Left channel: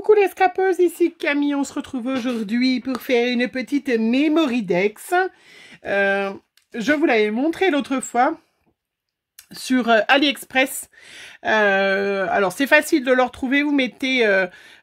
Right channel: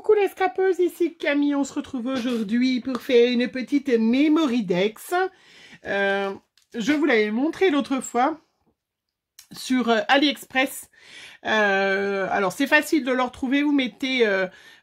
Coucou les scrapeuses, ici Camille, on se retrouve aujourd'hui pour faire une petite Memory Dex. Je vous l'avais montré l'autre fois sur AliExpress. Alors c'est facile de le retrouver, vous mettez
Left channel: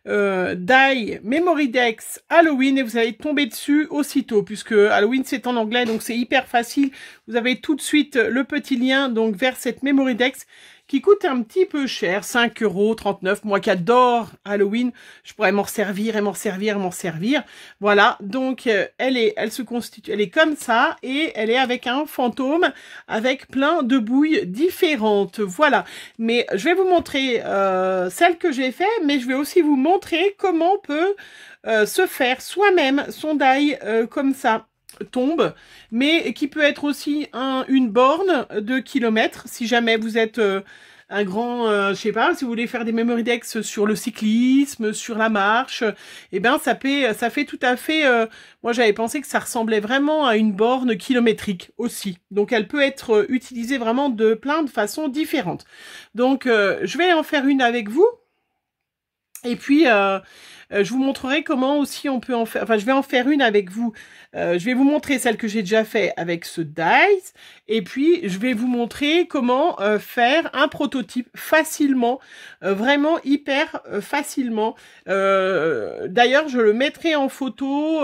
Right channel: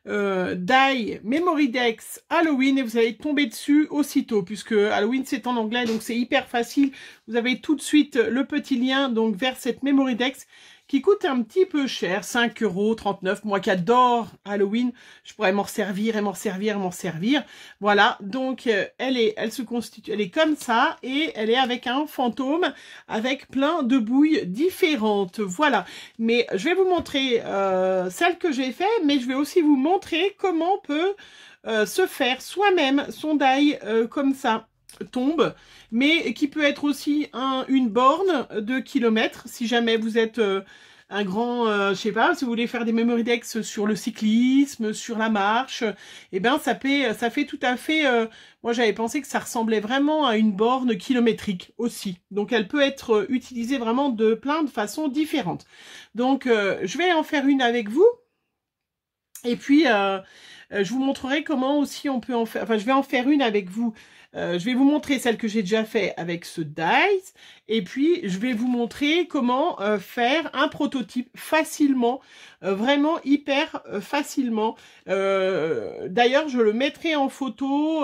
Die Memory Dex Halloween et vous allez tomber dessus aussitôt, puisque Halloween c'est en anglais, donc c'est hyper facile. Vous avez tout de suite le petit lien donc vers cette Memory Dex qui coûte un petit peu cher, 5,39 €. Moi qui adore Halloween, je pourrais m'en servir et m'en servir et m'en servir. Voilà, donc elle se constitue, elle est comme ça et elle est avec un fantôme avec plein de bouilles différentes. Voilà, mais je vais vous montrer celle que j'ai fait, mais je vais aussi vous montrer comment on peut se faire soi-même son die comme ça. Tombe, mais qui peut être aussi une borne de kilomètres, si jamais vous êtes un grand, je sais pas, si vous voulez faire des memory decks sur le cyclisme, sur la marche, et ben ça fait tout à fait, moi j'avais pensé que ça ressemblait vraiment à une borne kilométrique aussi, donc elle peut être utilisée vraiment de plein de façons différentes. Donc je vais en faire une avec vous, et puis je vous montrerai comment aussi on peut en faire, enfin je vais en faire une avec vous. Je vais vous montrer celle que j'ai déjà fait avec ce dice et puis je vais vous montrer comment faire un prototype facilement, vraiment hyper facilement. D'ailleurs, je le mettrai en photo,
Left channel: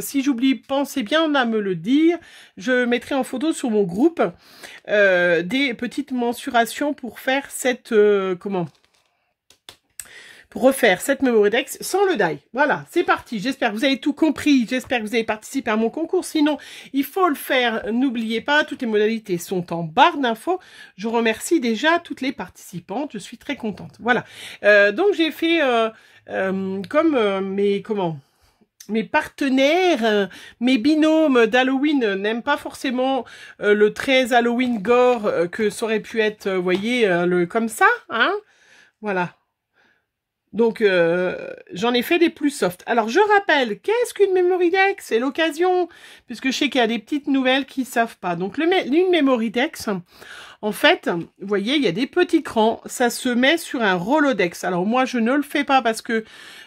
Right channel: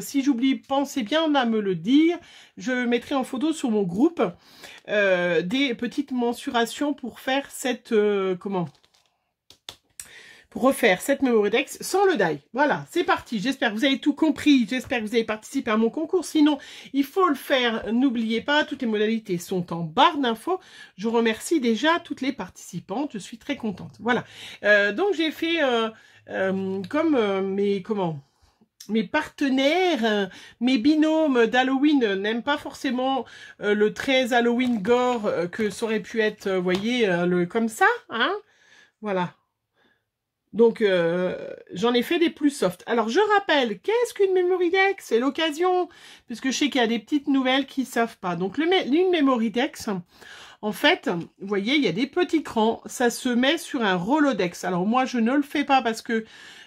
si j'oublie, pensez bien à me le dire, je mettrai en photo sur mon groupe des petites mensurations pour faire cette, pour refaire cette Memory Dex sans le die. Voilà, c'est parti. J'espère que vous avez tout compris. J'espère que vous avez participé à mon concours. Sinon, il faut le faire. N'oubliez pas, toutes les modalités sont en barre d'infos. Je remercie déjà toutes les participantes. Je suis très contente. Voilà. Donc, j'ai fait comme mes partenaires, mes binômes d'Halloween n'aiment pas forcément le 13 Halloween gore que ça aurait pu être, vous voyez, comme ça, hein. Voilà. Donc, j'en ai fait des plus soft. Alors, je rappelle, qu'est-ce qu'une Memory Dex? C'est l'occasion, puisque je sais qu'il y a des petites nouvelles qui ne savent pas. Donc, une Memory Dex, en fait, vous voyez, il y a des petits crans. Ça se met sur un Rolodex. Alors, moi, je ne le fais pas parce que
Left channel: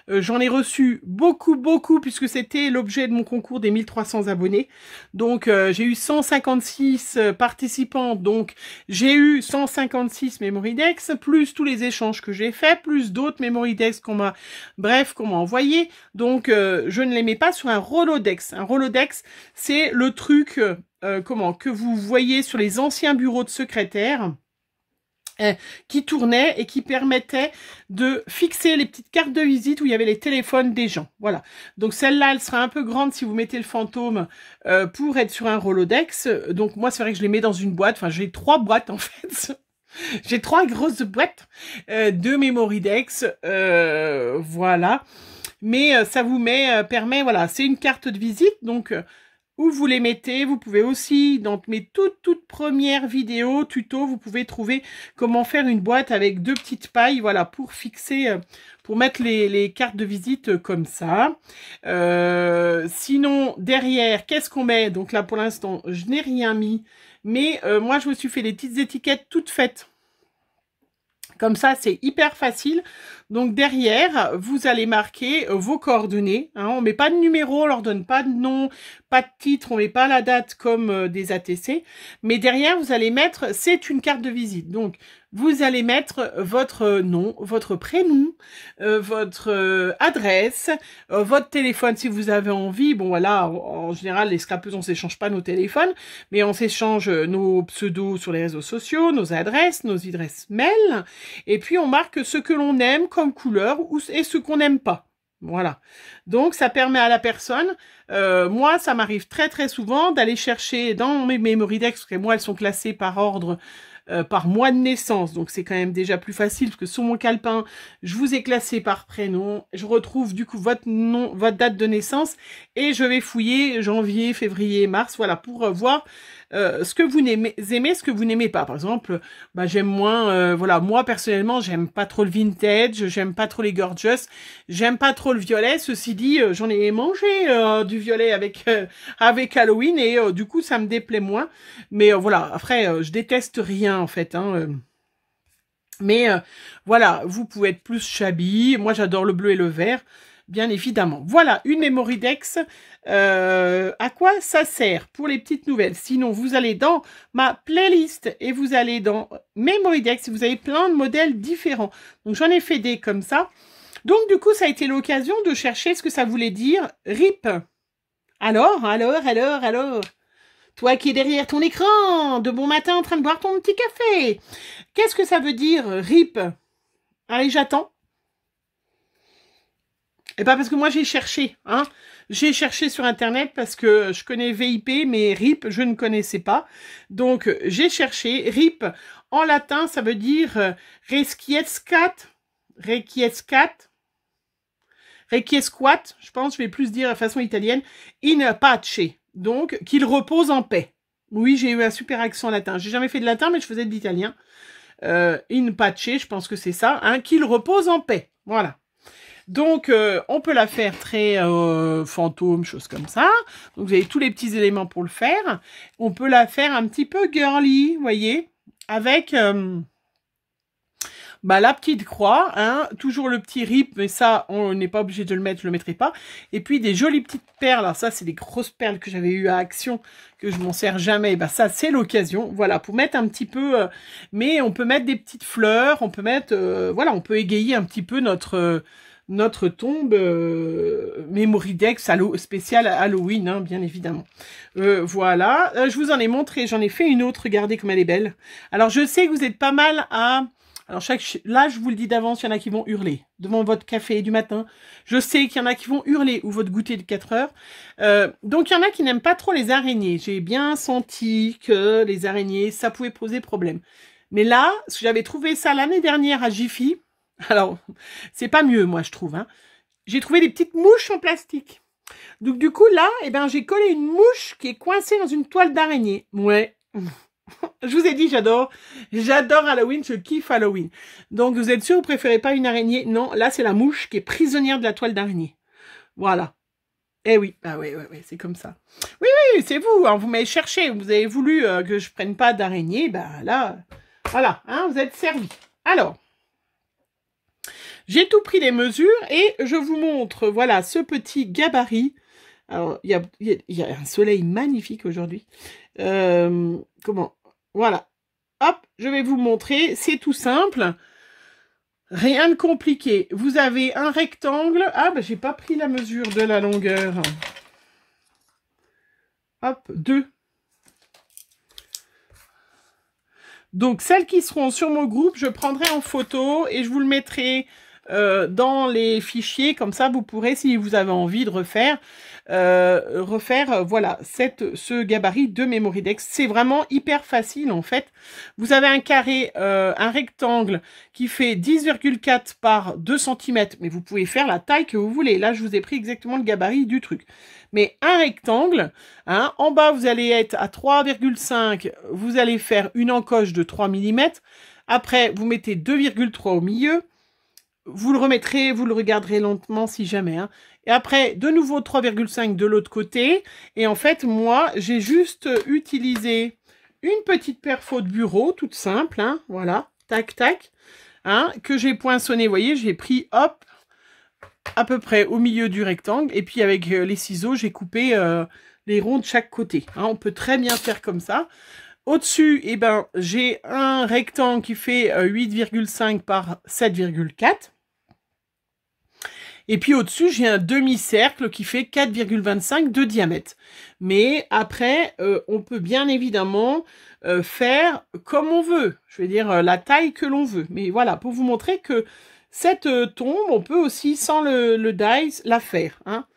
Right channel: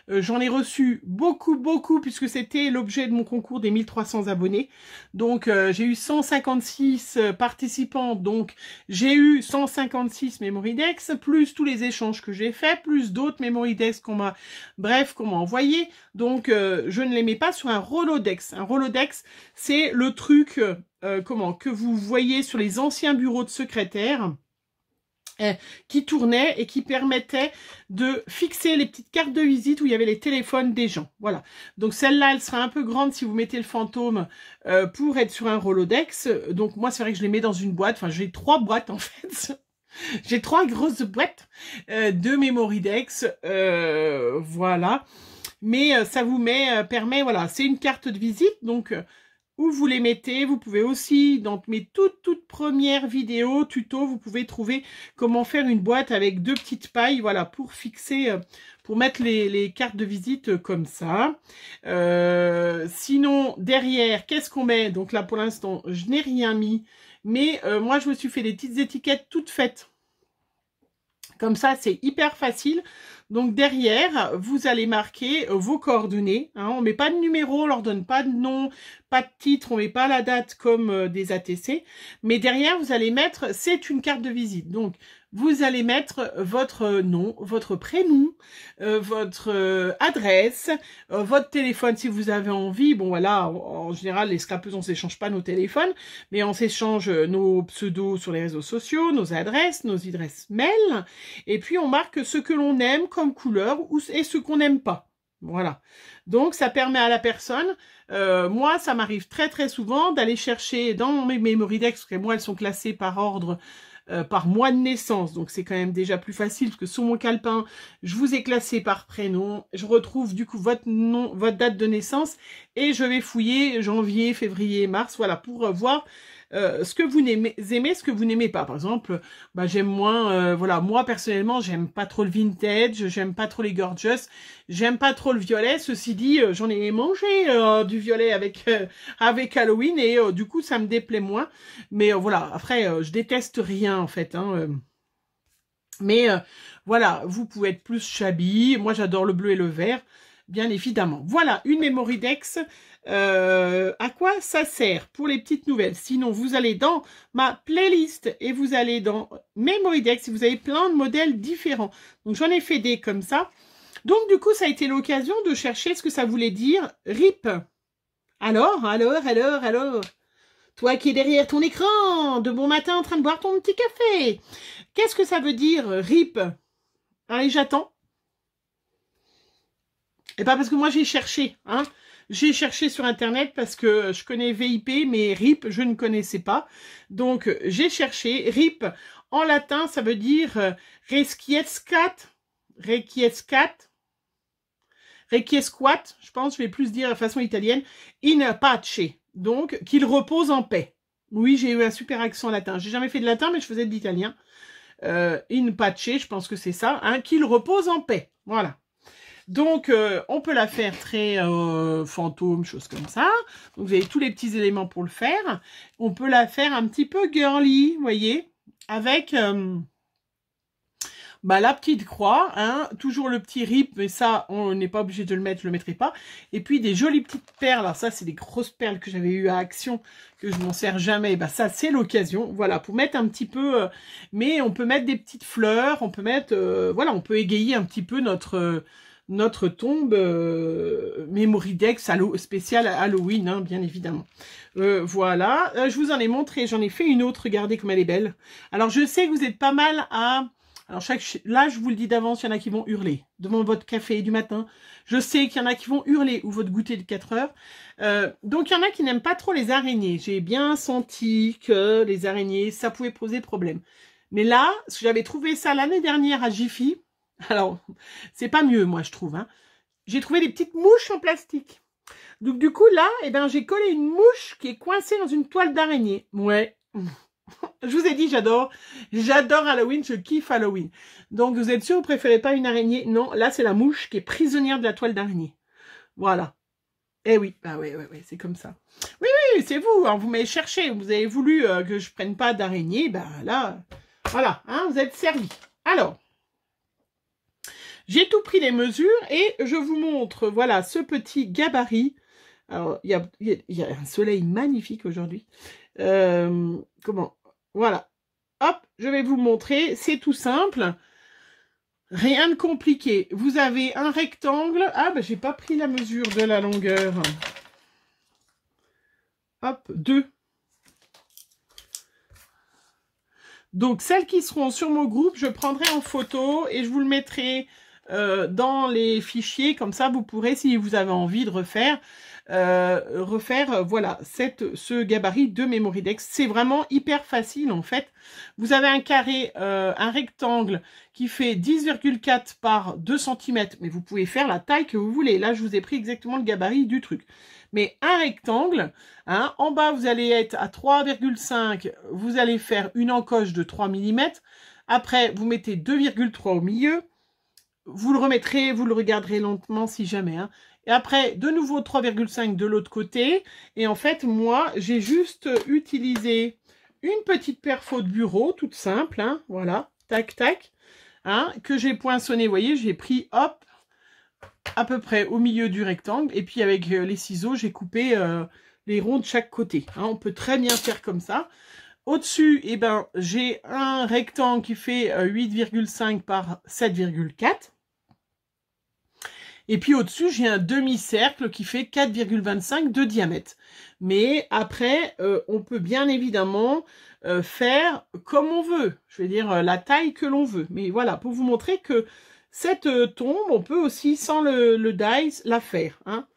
j'en ai reçu beaucoup, puisque c'était l'objet de mon concours des 1300 abonnés. Donc, j'ai eu 156 participants. Donc, j'ai eu 156 Memory Dex, plus tous les échanges que j'ai faits, plus d'autres Memory Dex qu'on m'a envoyé. Donc, je ne les mets pas sur un Rolodex. Un Rolodex, c'est le truc, que vous voyez sur les anciens bureaux de secrétaire, qui tournait et qui permettait de fixer les petites cartes de visite où il y avait les téléphones des gens. Voilà. Donc celle-là, elle sera un peu grande si vous mettez le fantôme pour être sur un Rolodex. Donc moi, c'est vrai que je les mets dans une boîte. Enfin, j'ai 3 boîtes en fait. J'ai 3 grosses boîtes de Memory Dex. Voilà. Mais ça vous permet, voilà, c'est une carte de visite. Donc où vous les mettez, vous pouvez aussi, dans mes toutes premières vidéos, tutos, vous pouvez trouver comment faire une boîte avec 2 petites pailles, voilà, pour fixer, pour mettre les cartes de visite comme ça. Sinon, derrière, qu'est-ce qu'on met? Donc là, pour l'instant, je n'ai rien mis, mais moi, je me suis fait des petites étiquettes toutes faites. Comme ça, c'est hyper facile. Donc derrière, vous allez marquer vos coordonnées. Hein. On ne met pas de numéro, on leur donne pas de nom, pas de titre, on ne met pas la date comme des ATC. Mais derrière, vous allez mettre, c'est une carte de visite. Donc, vous allez mettre votre nom, votre prénom, votre adresse, votre téléphone si vous avez envie. Bon voilà, en général, les scrapeuses, on ne s'échange pas nos téléphones, mais on s'échange nos pseudos sur les réseaux sociaux, nos adresses mail, et puis on marque ce que l'on aime comme couleur et ce qu'on n'aime pas. Voilà. Donc, ça permet à la personne, moi, ça m'arrive très souvent d'aller chercher dans mes Memory Dex, parce que moi, elles sont classées par ordre, par mois de naissance, donc c'est quand même déjà plus facile, parce que sur mon calepin, je vous ai classé par prénom, je retrouve du coup votre nom, votre date de naissance, et je vais fouiller janvier, février, mars, voilà, pour voir ce que vous aimez, ce que vous n'aimez pas. Par exemple, bah, j'aime moins, voilà, moi personnellement, j'aime pas trop le vintage, j'aime pas trop les gorgeous, j'aime pas trop le violet. Ceci dit, j'en ai mangé du violet avec Halloween et du coup, ça me déplaît moins. Mais voilà, après, je déteste rien en fait. Hein, Mais voilà, vous pouvez être plus shabby. Moi, j'adore le bleu et le vert, bien évidemment. Voilà, une Memorydex. À quoi ça sert pour les petites nouvelles? Sinon, vous allez dans ma playlist et vous allez dans Memorydex. Vous avez plein de modèles différents. Donc, j'en ai fait des comme ça. Donc, du coup, ça a été l'occasion de chercher ce que ça voulait dire RIP. Alors? Toi qui es derrière ton écran, de bon matin en train de boire ton petit café. Qu'est-ce que ça veut dire, RIP? Allez, j'attends. Et pas parce que moi j'ai cherché, hein. J'ai cherché sur Internet parce que je connais VIP, mais RIP, je ne connaissais pas. Donc, j'ai cherché. RIP, en latin, ça veut dire requiescat, je pense, je vais plus dire de façon italienne, in pace. Donc, qu'il repose en paix. Oui, j'ai eu un super accent latin. J'ai jamais fait de latin, mais je faisais de l'italien. In pace, je pense que c'est ça. Hein, qu'il repose en paix. Voilà. Donc, on peut la faire très fantôme, chose comme ça. Donc, vous avez tous les petits éléments pour le faire. On peut la faire un petit peu girly, vous voyez, avec la petite croix, hein, toujours le petit rip, mais ça, on n'est pas obligé de le mettre, je le mettrai pas. Et puis, des jolies petites perles. Alors ça, c'est des grosses perles que j'avais eues à Action, que je m'en sers jamais. Bah, ça, c'est l'occasion. Voilà, pour mettre un petit peu... mais on peut mettre des petites fleurs, on peut mettre... voilà, on peut égayer un petit peu notre tombe Memorydex spéciale Halloween, hein, bien évidemment. Voilà, je vous en ai montré, j'en ai fait une autre, regardez comme elle est belle. Alors, je sais que vous êtes pas mal à... Alors, là, je vous le dis d'avance, il y en a qui vont hurler devant votre café du matin. Je sais qu'il y en a qui vont hurler ou votre goûter de 4 heures. Donc, il y en a qui n'aiment pas trop les araignées. J'ai bien senti que les araignées, ça pouvait poser problème. Mais là, j'avais trouvé ça l'année dernière à Jiffy. Alors, c'est pas mieux, moi, je trouve. Hein. J'ai trouvé des petites mouches en plastique. Donc, du coup, là, eh ben, j'ai collé une mouche qui est coincée dans une toile d'araignée. Ouais. Je vous ai dit, j'adore Halloween, je kiffe Halloween. Donc, vous êtes sûr, vous préférez pas une araignée? Non, là, c'est la mouche qui est prisonnière de la toile d'araignée. Voilà. Eh oui, ah ouais, c'est comme ça. Oui, c'est vous, hein, vous m'avez cherché, vous avez voulu que je prenne pas d'araignée, bah là, voilà, hein, vous êtes servi. Alors, j'ai tout pris les mesures et je vous montre, voilà, ce petit gabarit. Alors, il y a un soleil magnifique aujourd'hui. Comment? Voilà. Hop, je vais vous montrer. C'est tout simple. Rien de compliqué. Vous avez un rectangle. Ah, ben, j'ai pas pris la mesure de la longueur. Hop, 2. Donc, celles qui seront sur mon groupe, je prendrai en photo et je vous le mettrai dans les fichiers. Comme ça, vous pourrez, si vous avez envie de refaire, voilà, ce gabarit de Memorydex. C'est vraiment hyper facile, en fait. Vous avez un carré, un rectangle qui fait 10,4 par 2 cm, mais vous pouvez faire la taille que vous voulez. Là, je vous ai pris exactement le gabarit du truc. Mais un rectangle, hein, en bas, vous allez être à 3,5, vous allez faire une encoche de 3 mm. Après, vous mettez 2,3 au milieu. Vous le remettrez, vous le regarderez lentement si jamais. Hein. Et après, de nouveau 3,5 de l'autre côté. Et en fait, moi, j'ai juste utilisé une petite perfo de bureau, toute simple. Hein, voilà, tac, tac. Hein, que j'ai poinçonné, vous voyez, j'ai pris, hop, à peu près au milieu du rectangle. Et puis, avec les ciseaux, j'ai coupé les ronds de chaque côté. Hein, on peut très bien faire comme ça. Au-dessus, eh ben, j'ai un rectangle qui fait 8,5 par 7,4. Et puis au-dessus, j'ai un demi-cercle qui fait 4,25 de diamètre. Mais après, on peut bien évidemment faire comme on veut. Je veux dire, la taille que l'on veut. Mais voilà, pour vous montrer que cette tombe, on peut aussi, sans le dies, la faire. Hein.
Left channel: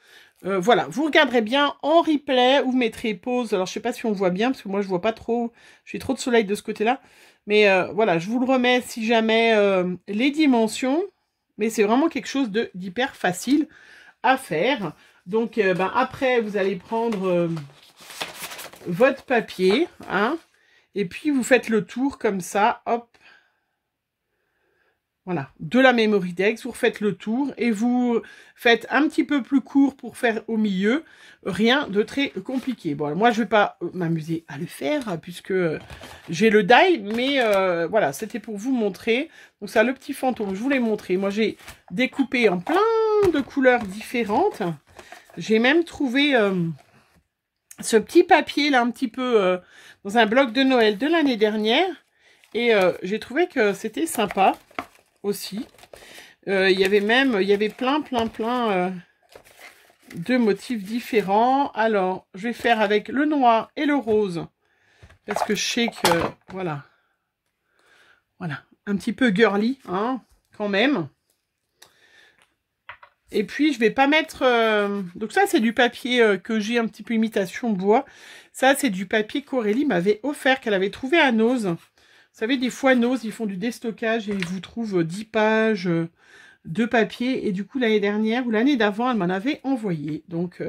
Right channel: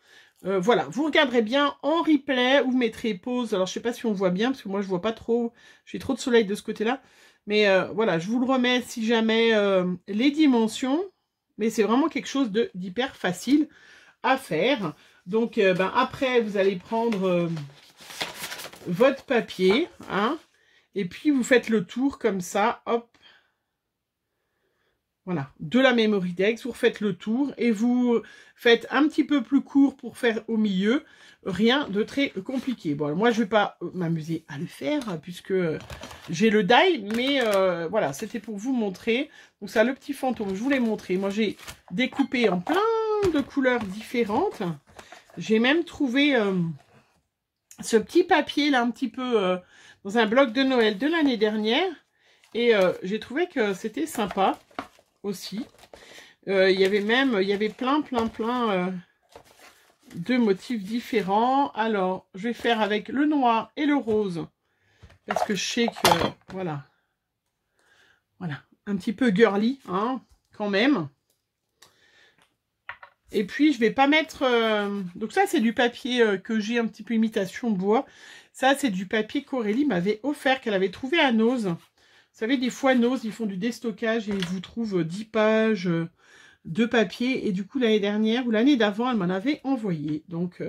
Voilà, vous regarderez bien en replay, ou vous mettrez pause. Alors, je sais pas si on voit bien, parce que moi, je vois pas trop. J'ai trop de soleil de ce côté-là. Mais voilà, je vous le remets si jamais les dimensions. Mais c'est vraiment quelque chose d'hyper facile à faire. Donc, après, vous allez prendre votre papier. Hein, et puis, vous faites le tour comme ça. Hop. Voilà, de la Memory Dex, vous refaites le tour et vous faites un petit peu plus court pour faire au milieu. Rien de très compliqué. Bon, moi, je ne vais pas m'amuser à le faire puisque j'ai le die, mais voilà, c'était pour vous montrer. Donc, ça, le petit fantôme, je vous l'ai montré. Moi, j'ai découpé en plein de couleurs différentes. J'ai même trouvé ce petit papier, là, un petit peu dans un bloc de Noël de l'année dernière. Et j'ai trouvé que c'était sympa aussi. Il y avait plein de motifs différents. Alors, je vais faire avec le noir et le rose. Parce que je sais que, voilà, un petit peu girly, hein, quand même. Et puis, je vais pas mettre... donc ça, c'est du papier que j'ai un petit peu imitation bois. Ça, c'est du papier qu'Aurélie m'avait offert, qu'elle avait trouvé à Nose. Vous savez, des fois, Nose, ils font du déstockage et ils vous trouvent 10 pages de papier. Et du coup, l'année dernière ou l'année d'avant, elle m'en avait envoyé. Donc,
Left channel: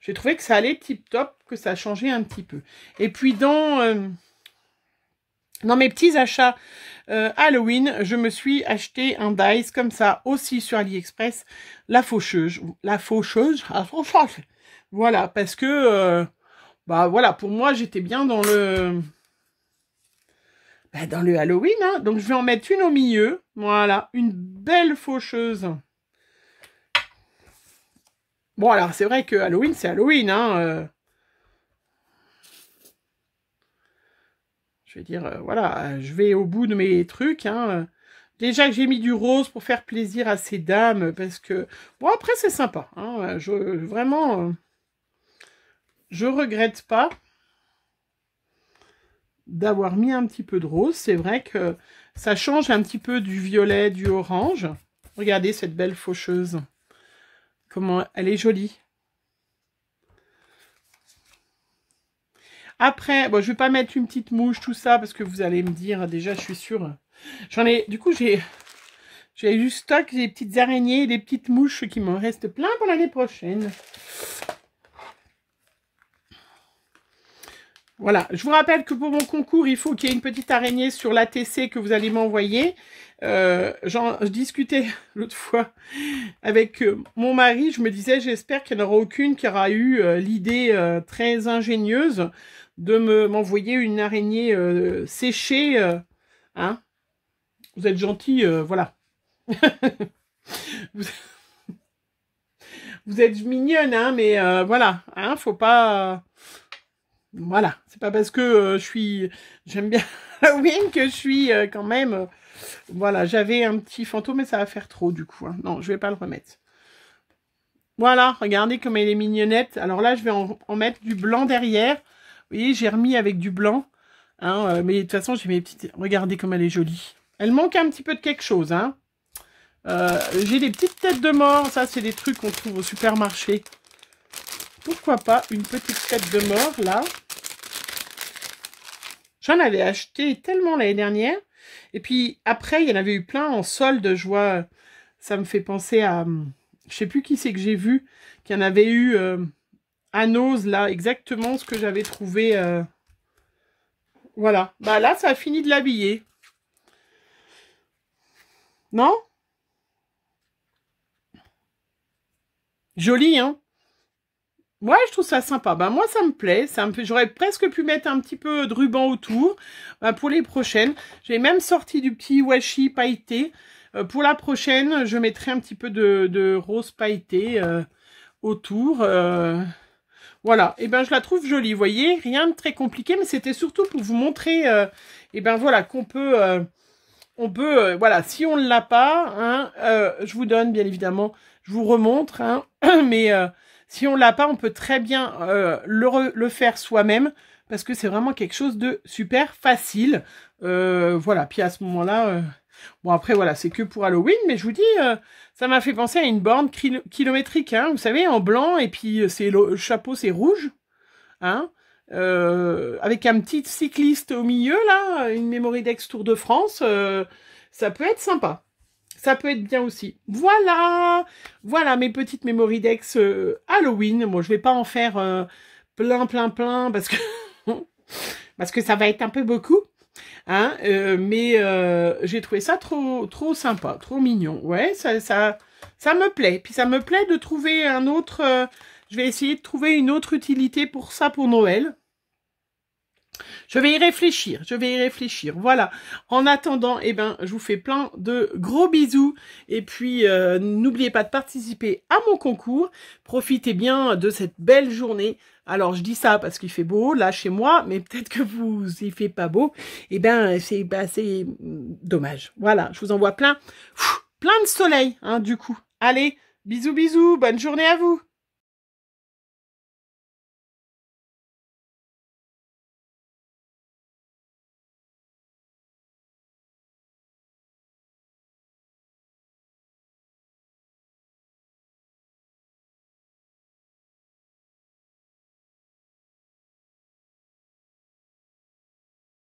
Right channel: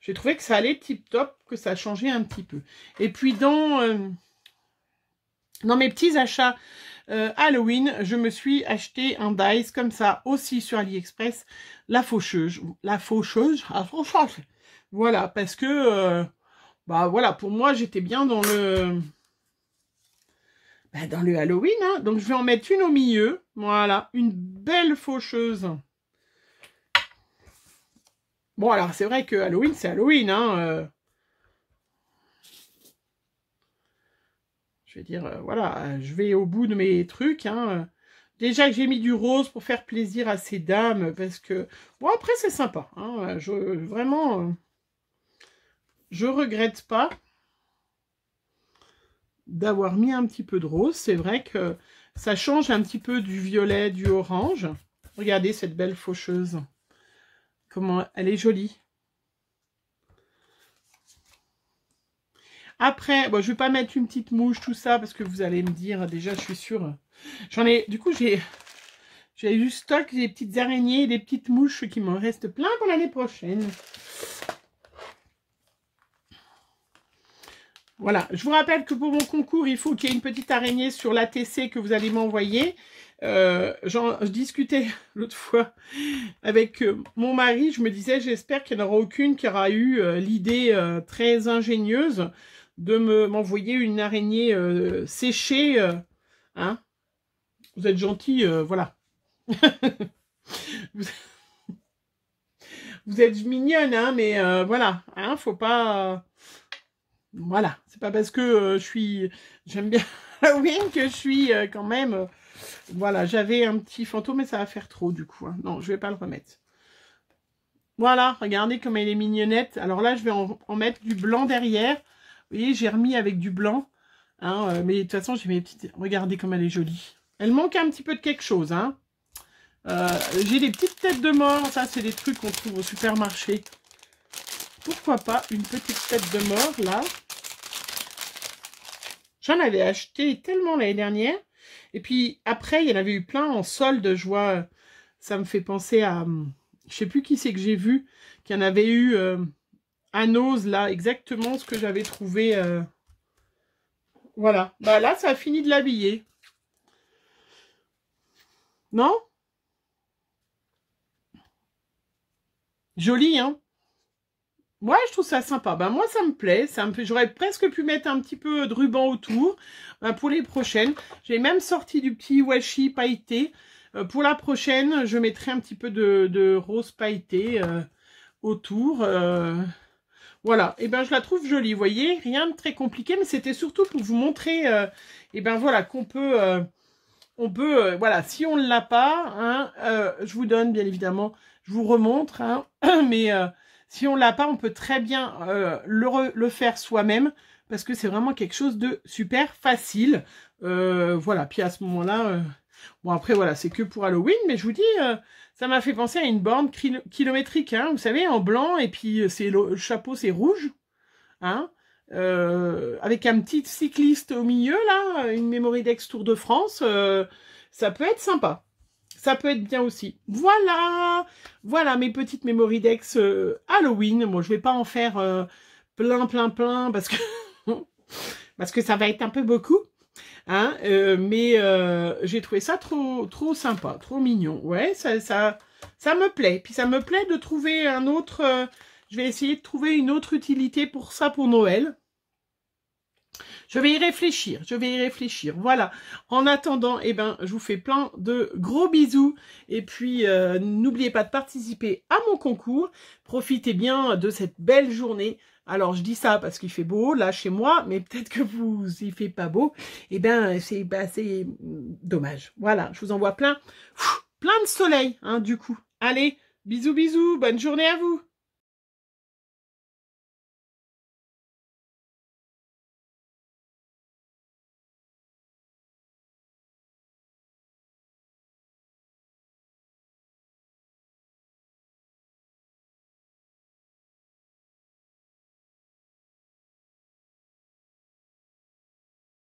j'ai trouvé que ça allait tip-top, que ça a changé un petit peu. Et puis, dans mes petits achats Halloween, je me suis acheté un dice comme ça, aussi sur AliExpress, la faucheuse. Voilà, parce que, bah voilà, pour moi, j'étais bien dans le Halloween, hein. Donc je vais en mettre une au milieu. Voilà, une belle faucheuse. Bon, alors c'est vrai que Halloween, c'est Halloween, hein. Je vais dire, voilà, je vais au bout de mes trucs, hein. Déjà que j'ai mis du rose pour faire plaisir à ces dames, parce que... Bon, après, c'est sympa, hein. Vraiment, je regrette pas d'avoir mis un petit peu de rose. C'est vrai que ça change un petit peu du violet, du orange. Regardez cette belle faucheuse. Comment elle est jolie. Après, bon, je vais pas mettre une petite mouche, tout ça, parce que vous allez me dire, déjà, je suis sûre. Du coup, j'ai du stock, des petites araignées, des petites mouches qui m'en restent plein pour l'année prochaine. Voilà, je vous rappelle que pour mon concours, il faut qu'il y ait une petite araignée sur l'ATC que vous allez m'envoyer. Je discutais l'autre fois avec mon mari, je me disais, j'espère qu'il n'y en aura aucune qui aura eu l'idée très ingénieuse de m'envoyer une araignée séchée. Hein, vous êtes gentil, voilà. vous êtes mignonne, hein, mais voilà, hein, faut pas... voilà, c'est pas parce que j'aime bien Halloween que je suis quand même... voilà, j'avais un petit fantôme, mais ça va faire trop du coup. Hein. Non, je vais pas le remettre. Voilà, regardez comme elle est mignonnette. Alors là, je vais en mettre du blanc derrière. Vous voyez, j'ai remis avec du blanc. Hein, mais de toute façon, j'ai mes petites... Regardez comme elle est jolie. Elle manque un petit peu de quelque chose. Hein. J'ai des petites têtes de mort. Ça, c'est des trucs qu'on trouve au supermarché. Pourquoi pas une petite tête de mort, là. J'en avais acheté tellement l'année dernière. Et puis, après, il y en avait eu plein en solde. Je vois, ça me fait penser à... Je sais plus qui c'est que j'ai vu. Qu'il y en avait eu à Nose, là. Exactement ce que j'avais trouvé. Voilà. Bah là, ça a fini de l'habiller. Non? Joli, hein? Ouais, je trouve ça sympa. Ben, moi, ça me plaît. J'aurais presque pu mettre un petit peu de ruban autour pour les prochaines. J'ai même sorti du petit washi pailleté. Pour la prochaine, je mettrai un petit peu de rose pailleté autour. Voilà. Et ben, je la trouve jolie. Vous voyez, rien de très compliqué, mais c'était surtout pour vous montrer et ben voilà, qu'on peut... voilà, si on ne l'a pas, hein, je vous donne, bien évidemment, je vous remontre, hein, mais... si on l'a pas, on peut très bien le faire soi-même parce que c'est vraiment quelque chose de super facile. Voilà, puis à ce moment-là, bon après voilà, c'est que pour Halloween, mais je vous dis, ça m'a fait penser à une borne kilométrique, hein, vous savez, en blanc, et puis le chapeau c'est rouge, hein, avec un petit cycliste au milieu, là, une Memory Dex Tour de France, ça peut être sympa. Ça peut être bien aussi. Voilà, voilà mes petites Memory Dex Halloween. Bon, je vais pas en faire plein, parce que ça va être un peu beaucoup. Hein, mais j'ai trouvé ça trop sympa, trop mignon. Ouais, ça me plaît. Puis ça me plaît de trouver un autre... je vais essayer de trouver une autre utilité pour ça pour Noël. Je vais y réfléchir, voilà. En attendant, eh ben, je vous fais plein de gros bisous. Et puis, n'oubliez pas de participer à mon concours. Profitez bien de cette belle journée. Alors, je dis ça parce qu'il fait beau, là, chez moi, mais peut-être que vous, il fait pas beau. Eh ben, c'est dommage. Voilà, je vous envoie plein de soleil, hein, du coup. Allez, bisous, bisous, bonne journée à vous.